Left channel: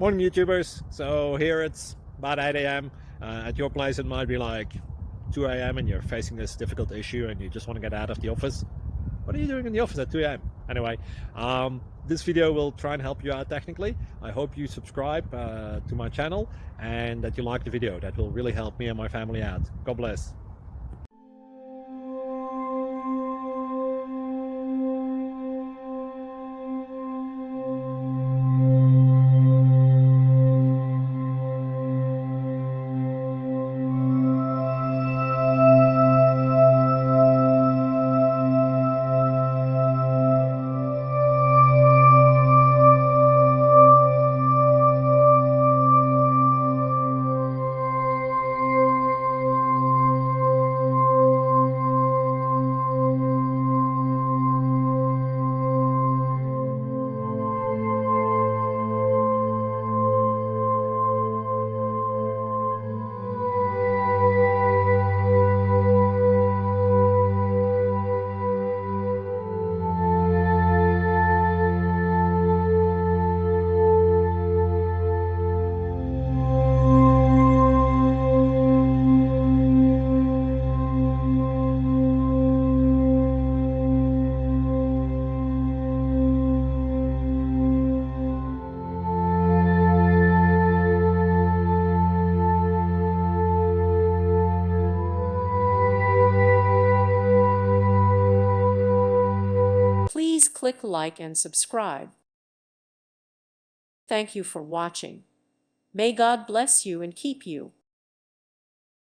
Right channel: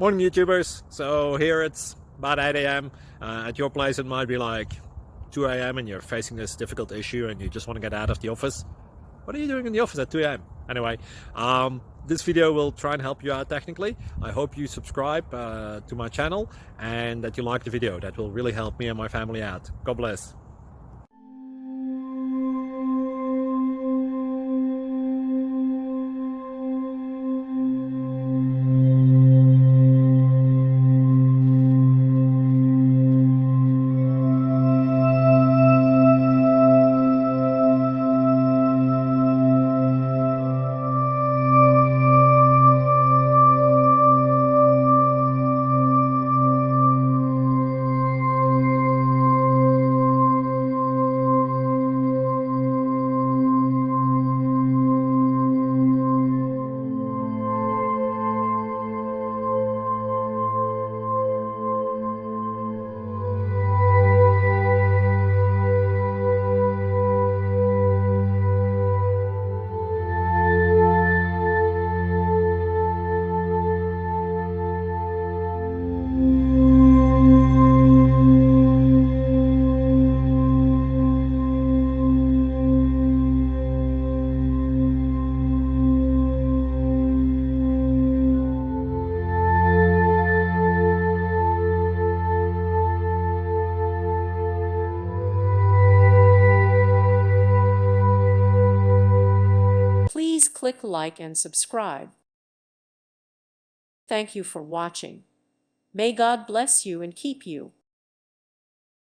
Morning, YouTubers. So here it's about 8 a.m. At your place, it might be like 2 a.m. and you're facing this difficult issue and you just want to get out of the office. What are you doing in the office at 2 a.m.? Anyway, this video will try and help you out technically. I hope you subscribe to my channel and that you like the video. That will really help me and my family out. God bless. Please click like and subscribe. Thank you for watching. May God bless you and keep you.